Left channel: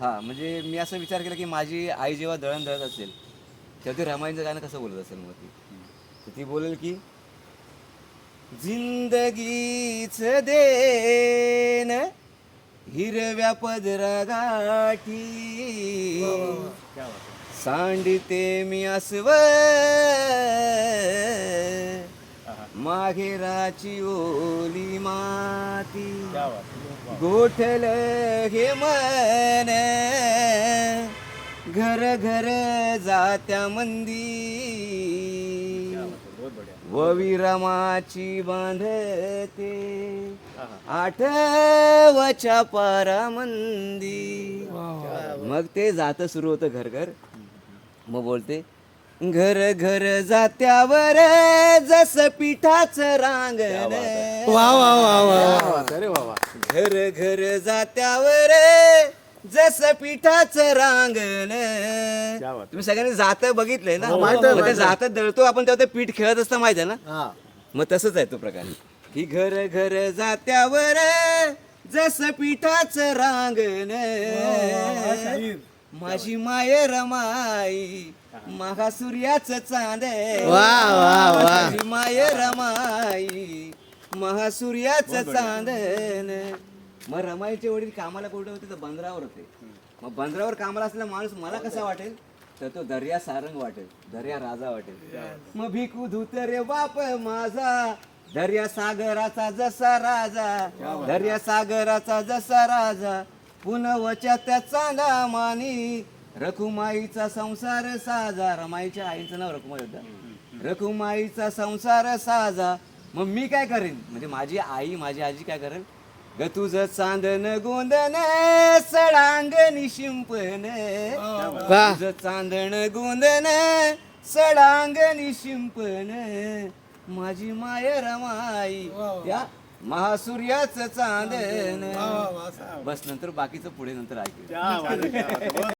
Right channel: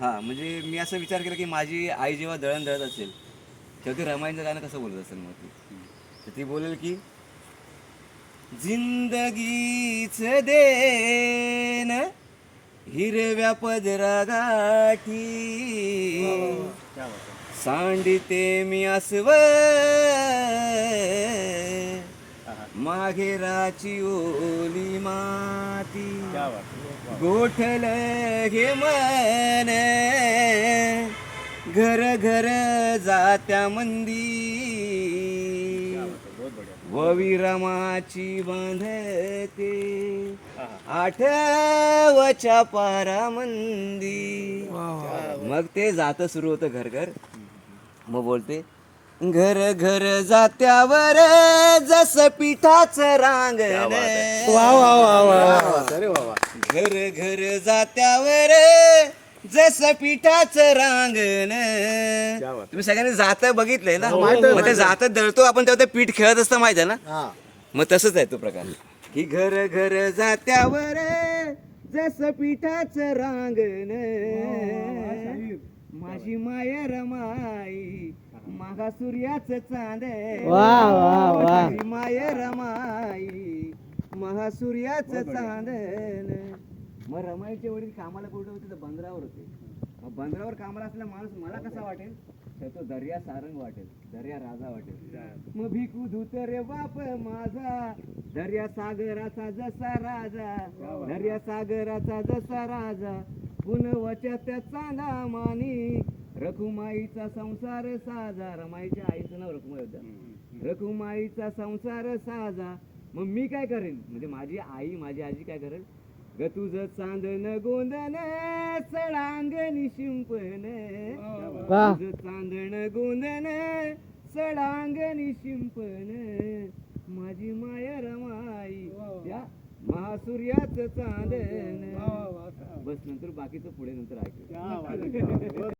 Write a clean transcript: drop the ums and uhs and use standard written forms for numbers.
हा म्हणजे मी असं विचार केला की माझी आई जेव्हा दळण दळत असेल तेव्हा ती रमाईचं गाणं कसं बोलत असेल मग ती तर ती बोलेल की जिंदगीच देन हिरव्या पदरा गाठी सांडते मी अस्व माघेराची ओली माती गोठल हे मन घर घर जात्या मंदी वविरमाची बांधते आठवच्या पारामंदी मग ते जात सुरू होतं घर घर मग बोलते घर घर जात्यावर जस पिठाचं रांगण वा वा वा वा अरे बाबा घर घर जात्यावर जस पिठाचं रांगण तुम्ही सगळ्यांनी जात बघितलंय ना मग ते जात दळतो आपण तेव्हा ते पीठ खेळत असतं माहिती आहे ना मग तसंच आहे तो प्रकार की घर घर जात्यावर जस पिठाचं रांगण माझी माय रमाई मागा सूर्याचं चांद वा वा वा माझी माय रमाई महासूर्याचं चांदन मग रमाईचे वडील कामाला कुठे होते तर बंदरावर होते मग बंदरावर कामाला असलेला माणूस मला कसा वाटेल तर तो दर्या सारंग वाटेल दर्या राजा वाटेल मग भिकू धुत रे बाप माझा दर्या सागराचा जसा राजा दर्या सागराचा जसा राजा पुनवच्या त्या चांदा मानी रखुमाईचा संसार साजा रमाईच्या आईचं नाव रखुमाई होतं रखुमाईचा संसार साजा मग मी काय करेन म्हणजे माझी आई माझी आजी काय करेल ग तुझं चांदन गोंदन सडांगणी शिंपण तुझं चांदन गोंदन सडांगणी शिंपण माझी माय रमाई त्या महासूर्याचं चांदन बस नंतर बाकीचं पुढे नंतर ऐकू